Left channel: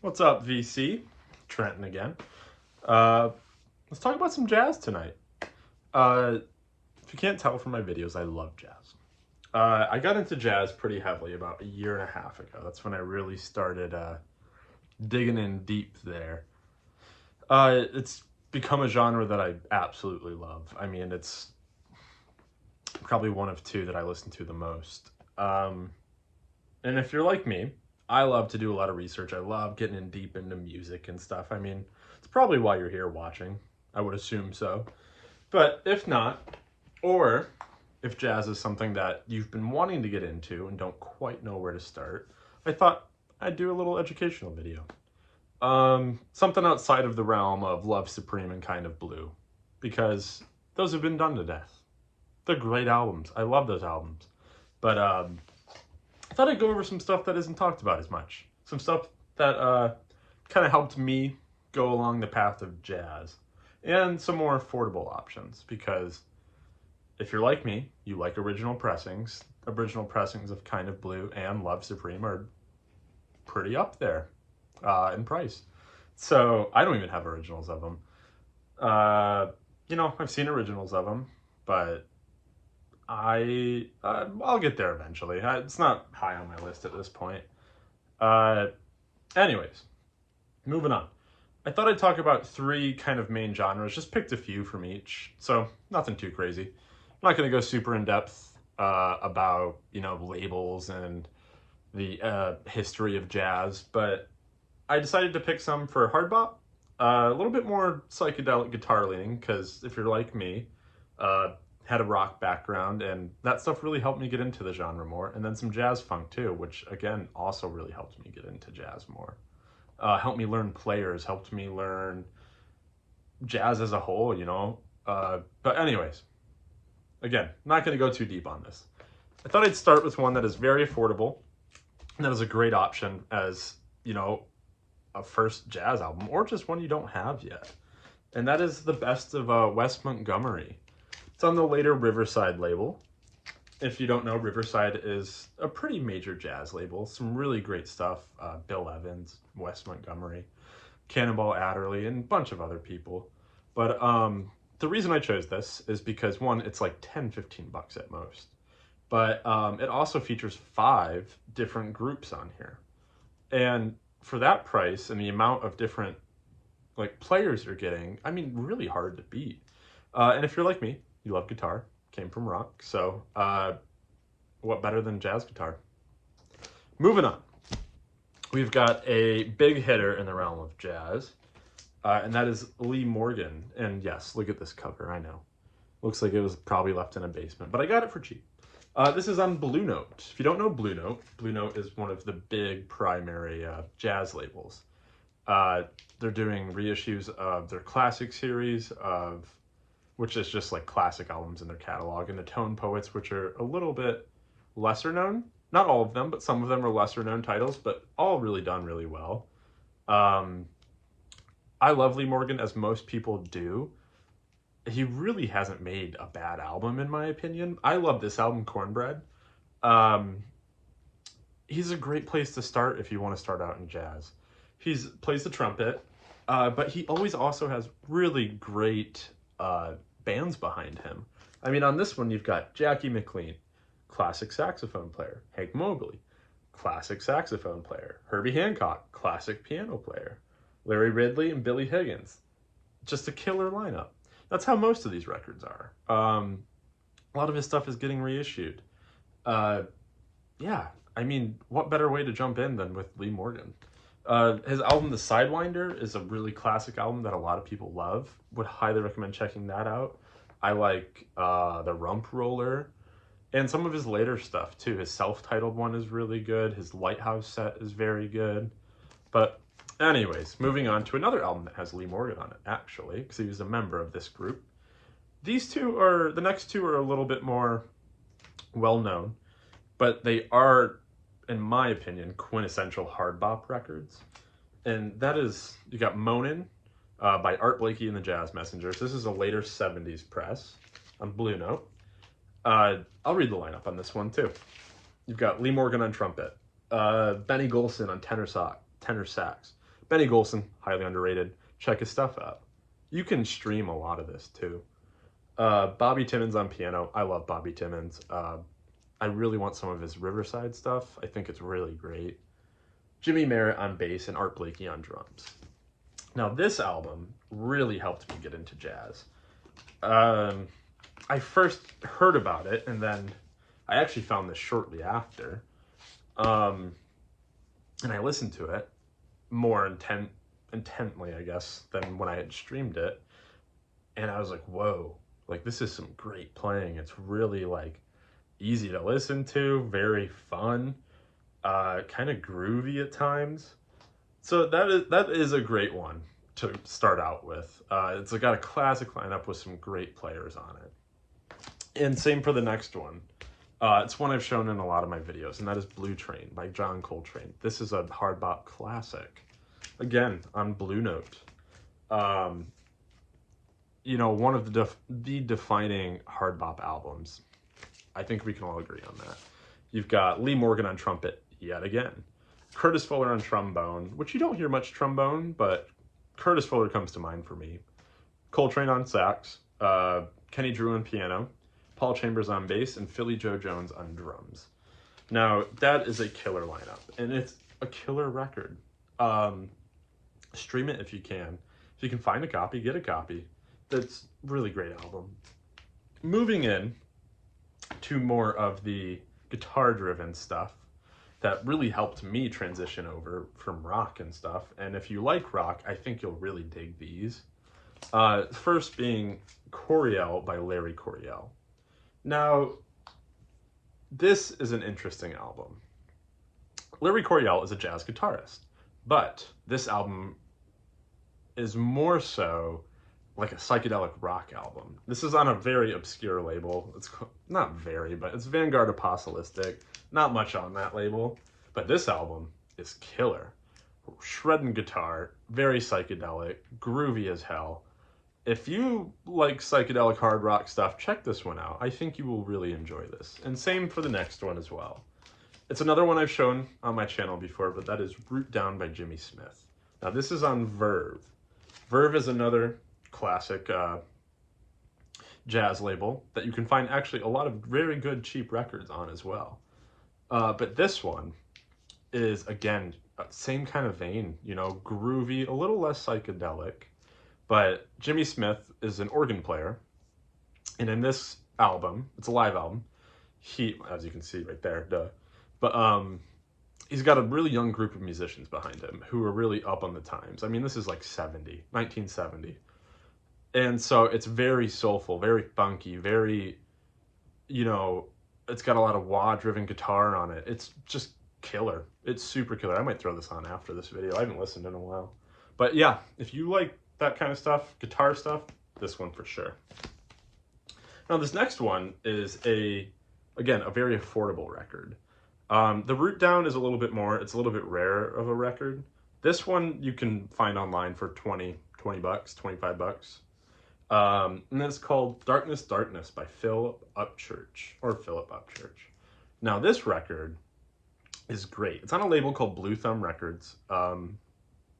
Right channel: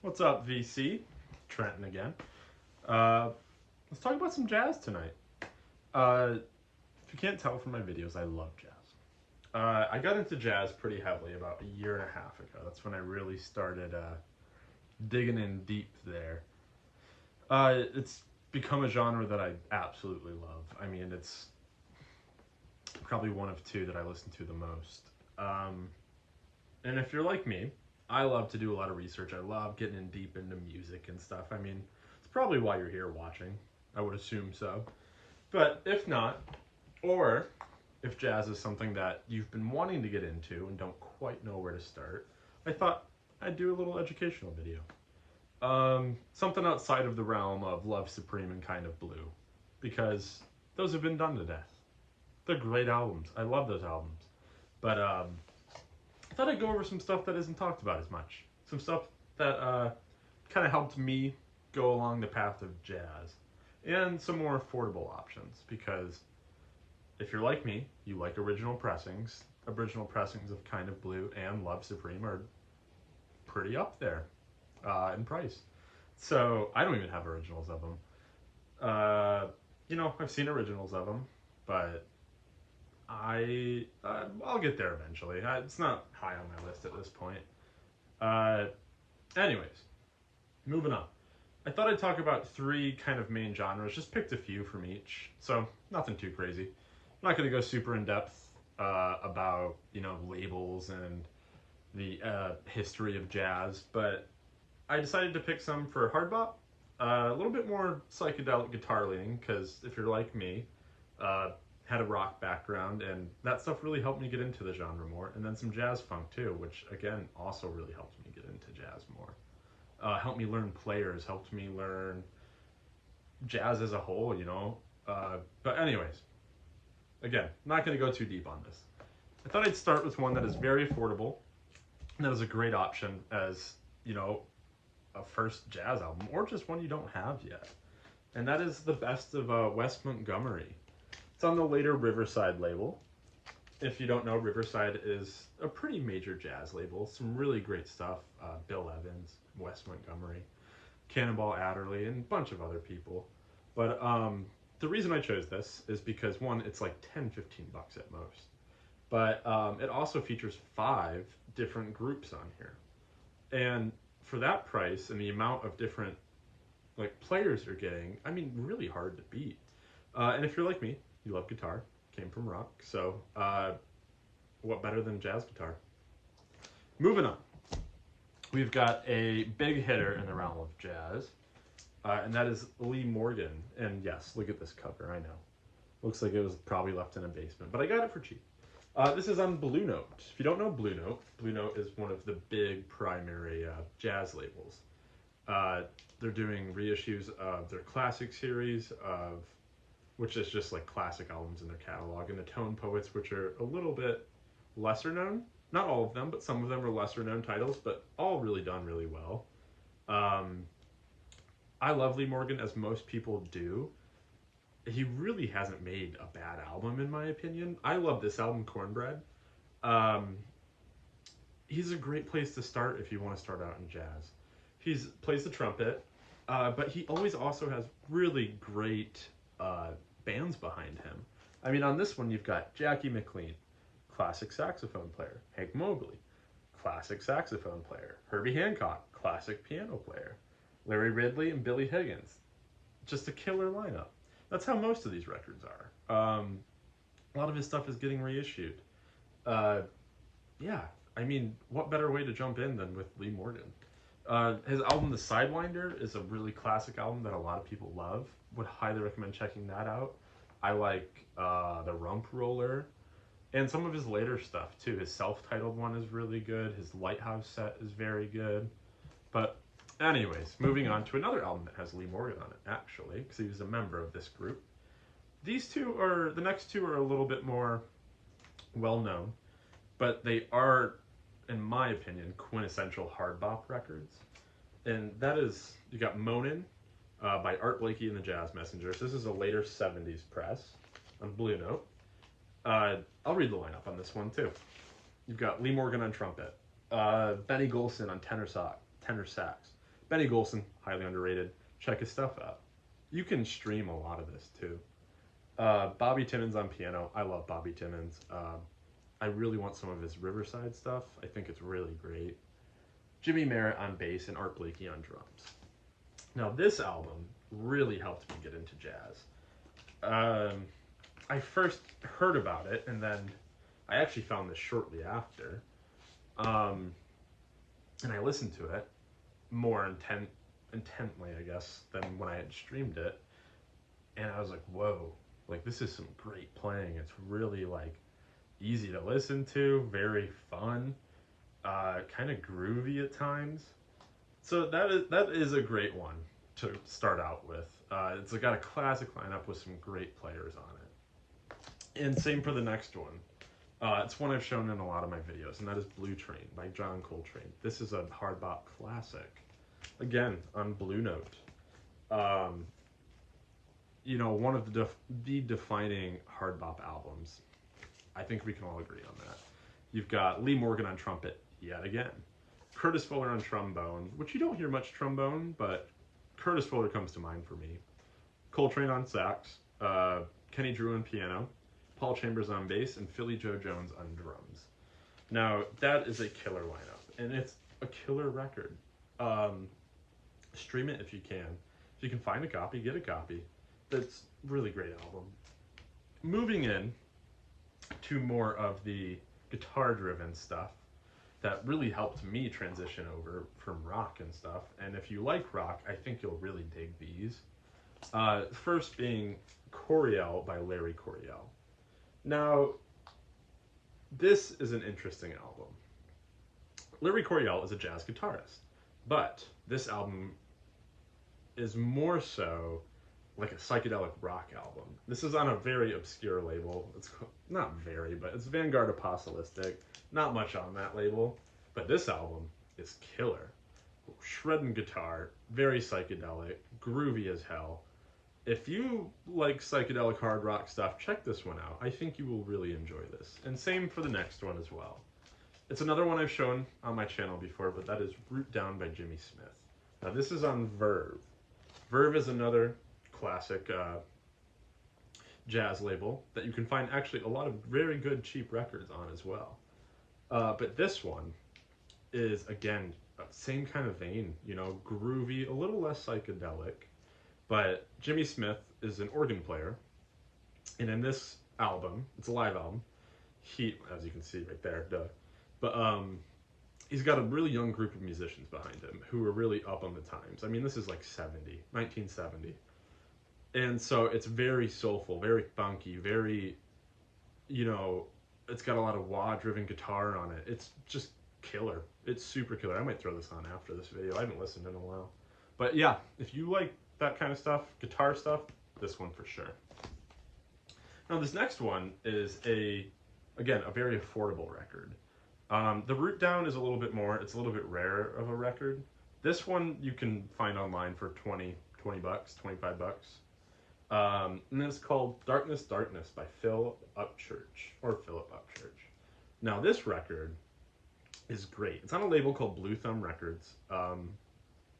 What's up, VC? Trenton again. Uh, let's talk about some jazz tonight. If you can't tell from my videos, I love jazz. I got into jazz pretty heavily about a year and a half ago. That's when I really started digging in deep there. It's become a genre that I absolutely love. I mean, it's probably one of two that I listen to the most. And if you're like me, I love to do a lot of research. I love getting in deep into music and stuff. I mean, it's probably why you're here watching. I would assume so. But if not, or if jazz is something that you've been wanting to get into and don't quite know where to start, I thought I'd do a little educational video. Something outside of the realm of Love Supreme and Kind of Blue, because those have been done to death. They're great albums. I love those albums. But I thought I'd go over some stuff that isn't talked about as much. Some stuff that kind of helped me go along the path of jazz. And some more affordable options, because if you're like me, you like original pressings. Original pressings of Kind of Blue and Love Supreme are pretty up there in price. So I don't even have originals of them. I've seen originals of them, but I'll get there eventually. It's not high on my list at this point. Uh, anyways, moving on. I thought I'd talk about three kind of main genres. Just picked a few from each, so nothing too crazy. I'm not going to go super in depth about labels and the history of jazz, but I decided to pick some for hard bop. A little bit more psychedelic guitar leaning, because if you're like me, had a rock background, and that stuff really helped me get into the genre more. And then some jazz funk too, which again also really helped me get into jazz more. Helped me learn players, helped me learn jazz as a whole. But anyways, again, not going to go too deep on this. I thought I'd start with one that is very affordable, and that is a great option as, a first jazz album, or just one you don't have yet. And that is the best of Wes Montgomery. It's on the later Riverside label. If you don't know, Riverside is a pretty major jazz label. Some really great stuff. Bill Evans, Wes Montgomery, Cannonball Adderley, and a bunch of other people. But the reason I chose this is because, one, it's like 10, 15 bucks at most. But it also features 5 different groups on here. And for that price and the amount of different players you're getting, I mean, really hard to beat. And if you're like me, you love guitar, came from rock, so what better than jazz guitar? Moving on. We've got a big hitter in the realm of jazz, and that is Lee Morgan. And yes, look at this cover, I know. Looks like it was probably left in a basement, but I got it for cheap. This is on Blue Note. If you don't know Blue Note is one of the big primary jazz labels. They're doing reissues of their classic series, which is just like classic albums in their catalog, and the Tone Poets, which are a little bit lesser known. Not all of them, but some of them are lesser known titles, but all really done really well. I love Lee Morgan, as most people do. He really hasn't made a bad album, in my opinion. I love this album, Cornbread. He's a great place to start if you want to start out in jazz. He plays the trumpet, but he always also has really great bands behind him. I mean, on this one, you've got Jackie McLean, classic saxophone player. Hank Mobley, classic saxophone player. Herbie Hancock, classic piano player. Larry Ridley and Billy Higgins. Just a killer lineup. That's how most of these records are. A lot of his stuff is getting reissued. Yeah, I mean, what better way to jump in than with Lee Morgan? His album, The Sidewinder, is a really classic album that a lot of people love. Would highly recommend checking that out. I like The Rump Roller, and some of his later stuff, too. His self-titled one is really good. His Lighthouse set is very good. But anyways, moving on to another album that has Lee Morgan on it, actually, because he was a member of this group. The next two are a little bit more well-known, but they are, in my opinion, quintessential hard bop records. And that is, you got Moanin' by Art Blakey and the Jazz Messengers. This is a later 70s press on Blue Note. I'll read the lineup on this one too. You've got Lee Morgan on trumpet, Benny Golson on tenor sax, Benny Golson, highly underrated. Check his stuff out. You can stream a lot of this too. Bobby Timmons on piano. I love Bobby Timmons. I really want some of his Riverside stuff. I think it's really great. Jimmy Merritt on bass and Art Blakey on drums. Now this album really helped me get into jazz. I first heard about it, and then I actually found this shortly after. And I listened to it more intently, I guess, than when I had streamed it. And I was like, whoa, like this is some great playing. It's really like easy to listen to, very fun, kind of groovy at times. So that is a great one to start out with. It's got a classic lineup with some great players on it. And same for the next one. It's one I've shown in a lot of my videos, and that is Blue Train by John Coltrane. This is a hard bop classic. Again, on Blue Note. You know, one of the defining hard bop albums. I think we can all agree on that. You've got Lee Morgan on trumpet, yet again. Curtis Fuller on trombone, which you don't hear much trombone, but Curtis Fuller comes to mind for me. Coltrane on sax, Kenny Drew on piano, Paul Chambers on bass, and Philly Joe Jones on drums. Now, that is a killer lineup, and it's a killer record. Stream it if you can. If you can find a copy, get a copy. That's a really great album. Moving in to more of the guitar-driven stuff that really helped me transition over from rock and stuff. And if you like rock, I think you'll really dig these. First being Coryell by Larry Coryell. Now, this is an interesting album. Larry Coryell is a jazz guitarist, but this album is more so like a psychedelic rock album. This is on a very obscure label. It's not very, but it's Vanguard Apostolic. Not much on that label, but this album is killer. Shredding guitar, very psychedelic, groovy as hell. If you like psychedelic hard rock stuff, check this one out. I think you will really enjoy this. And same for the next one as well. It's another one I've shown on my channel before, but that is Root Down by Jimmy Smith. Now this is on Verve. Verve is another classic jazz label that you can find actually a lot of very good cheap records on as well. But this one is, again, same kind of vein, you know, groovy, a little less psychedelic. But Jimmy Smith is an organ player, and in this album, it's a live album, as you can see right there, but he's got a really young group of musicians behind him who are really up on the times. I mean, this is like 1970. And so it's very soulful, very funky, very, you know, it's got a lot of wah-driven guitar on it. It's just killer. It's super killer. I might throw this on after this video. I haven't listened in a while. But yeah, if you like that kind of stuff, guitar stuff, this one for sure. Now this next one is again, a very affordable record. The Root Down is a little bit more, it's a little bit rare of a record. This one you can find online for 20 bucks, 25 bucks. And then it's called Darkness, Darkness by Philip Upchurch. Now this record is great. It's on a label called Blue Thumb Records.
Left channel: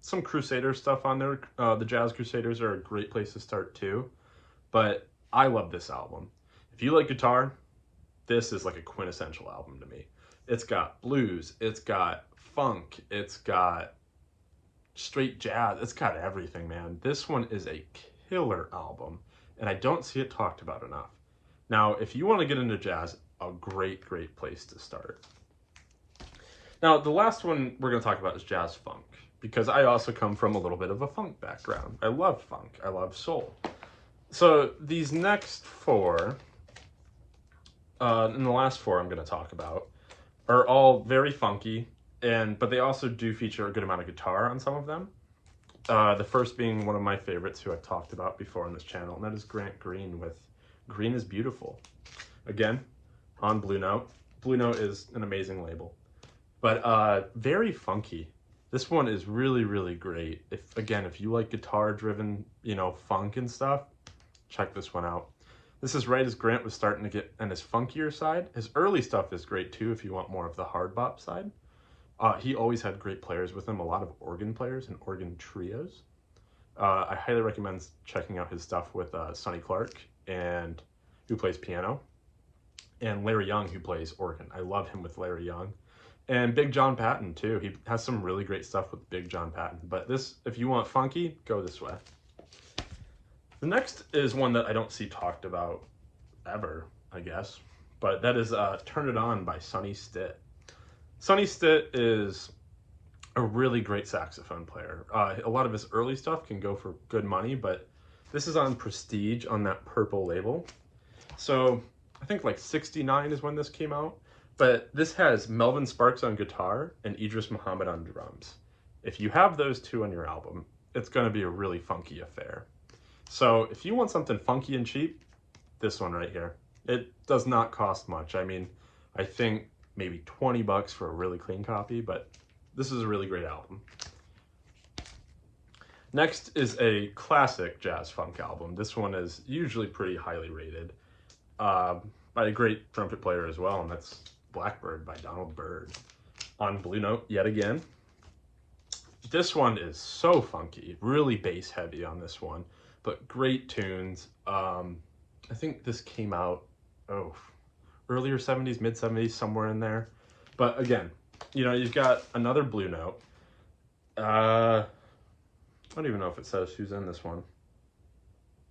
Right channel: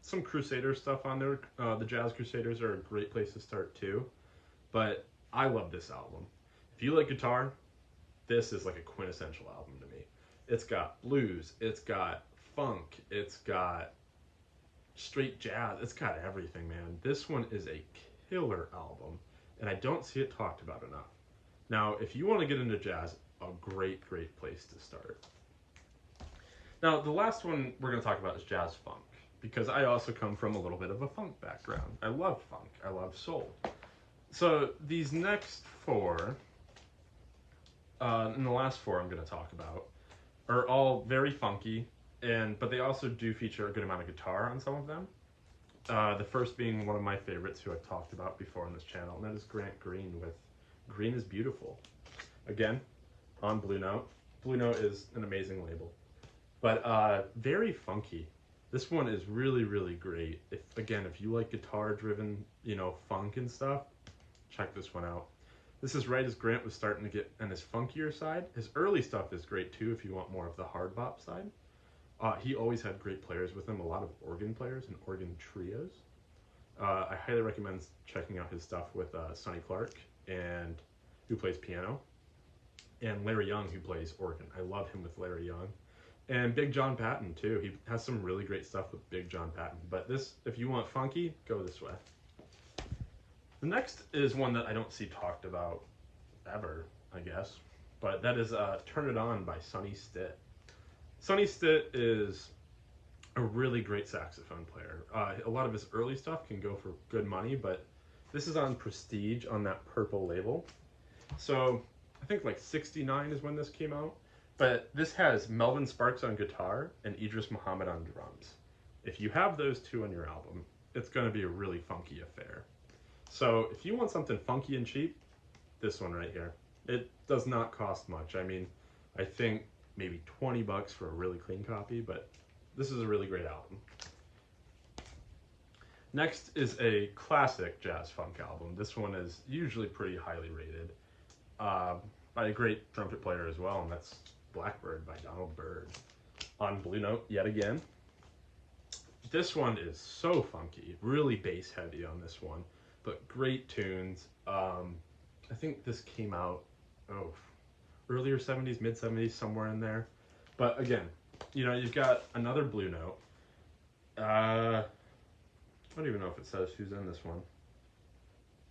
Some Crusader stuff on there. The Jazz Crusaders are a great place to start too. But I love this album. If you like guitar, this is like a quintessential album to me. It's got blues, it's got funk, it's got straight jazz, it's got everything, man. This one is a killer album, and I don't see it talked about enough. Now, if you want to get into jazz, a great place to start. Now, the last one we're going to talk about is jazz funk, because I also come from a little bit of a funk background. I love funk, I love soul. So these next four, and the last four I'm going to talk about, are all very funky, but they also do feature a good amount of guitar on some of them. The first being one of my favorites, who I've talked about before on this channel, and that is Grant Green with Green is Beautiful. Again, on Blue Note. Blue Note is an amazing label, but very funky. This one is really great. If you like guitar-driven, you know, funk and stuff, check this one out. This is right as Grant was starting to get on his funkier side. His early stuff is great too if you want more of the hard bop side. He always had great players with him, a lot of organ players and organ trios. I highly recommend checking out his stuff with Sonny Clark, and who plays piano, and Larry Young, who plays organ. I love him with Larry Young. And Big John Patton, too. He has some really great stuff with Big John Patton. But this, if you want funky, go this way. The next is one that I don't see talked about ever, I guess. But that is Turn It On by Sonny Stitt. Sonny Stitt is a really great saxophone player. A lot of his early stuff can go for good money, but this is on Prestige on that purple label. So I think like 69 is when this came out. But this has Melvin Sparks on guitar and Idris Muhammad on drums. If you have those two on your album, it's going to be a really funky affair. So if you want something funky and cheap, this one right here. It does not cost much. I mean, I think maybe 20 bucks for a really clean copy, but this is a really great album. Next is a classic jazz funk album. This one is usually pretty highly rated by a great trumpet player as well, and that's Blackbird by Donald Byrd on Blue Note yet again. This one is so funky, really bass heavy on this one, but great tunes. I think this came out, earlier 70s, mid 70s, somewhere in there. But again, you know, you've got another Blue Note. I don't even know if it says who's in this one,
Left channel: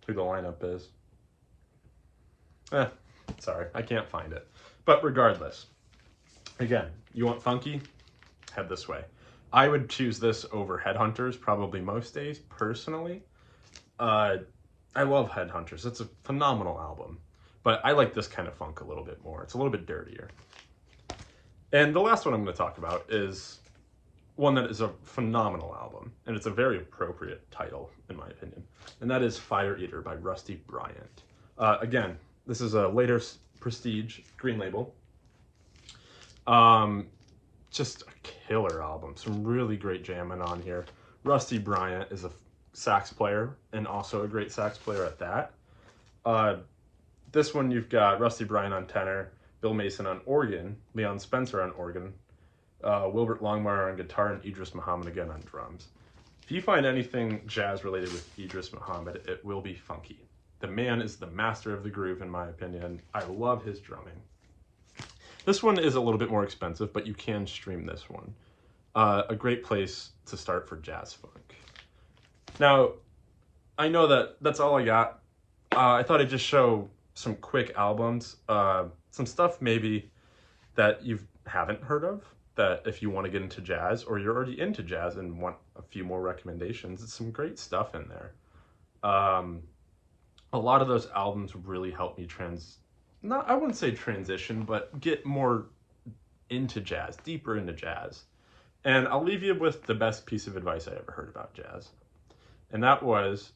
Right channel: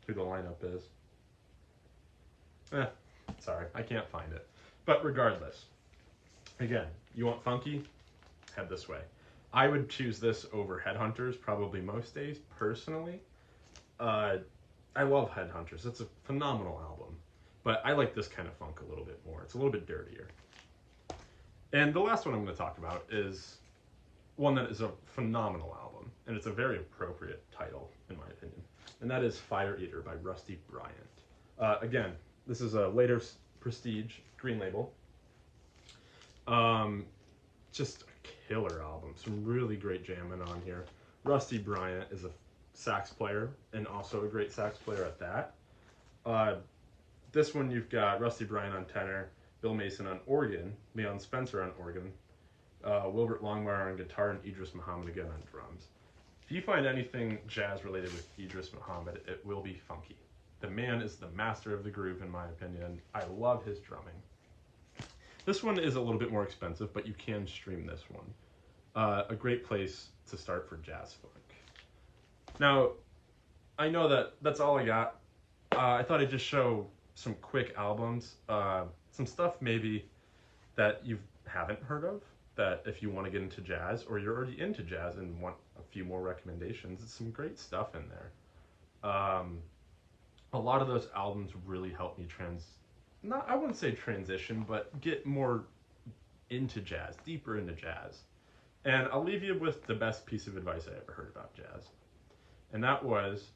who the lineup is. Sorry, I can't find it. But regardless, again, you want funky? Head this way. I would choose this over Headhunters probably most days, personally. I love Headhunters. It's a phenomenal album. But I like this kind of funk a little bit more. It's a little bit dirtier. And the last one I'm going to talk about is one that is a phenomenal album. And it's a very appropriate title, in my opinion. And that is Fire Eater by Rusty Bryant. Again, this is a later Prestige green label. Just a killer album. Some really great jamming on here. Rusty Bryant is a sax player and also a great sax player at that. This one you've got Rusty Bryant on tenor, Bill Mason on organ, Leon Spencer on organ, Wilbert Longmire on guitar, and Idris Muhammad again on drums. If you find anything jazz related with Idris Muhammad, it will be funky. The man is the master of the groove, in my opinion. I love his drumming. This one is a little bit more expensive, but you can stream this one. A great place to start for jazz funk. Now, I know that that's all I got. I thought I'd just show some quick albums, some stuff maybe that you haven't heard of, that if you want to get into jazz, or you're already into jazz and want a few more recommendations, it's some great stuff in there. A lot of those albums really helped me I wouldn't say transition, but get more into jazz, deeper into jazz. And I'll leave you with the best piece of advice I ever heard about jazz. And that was,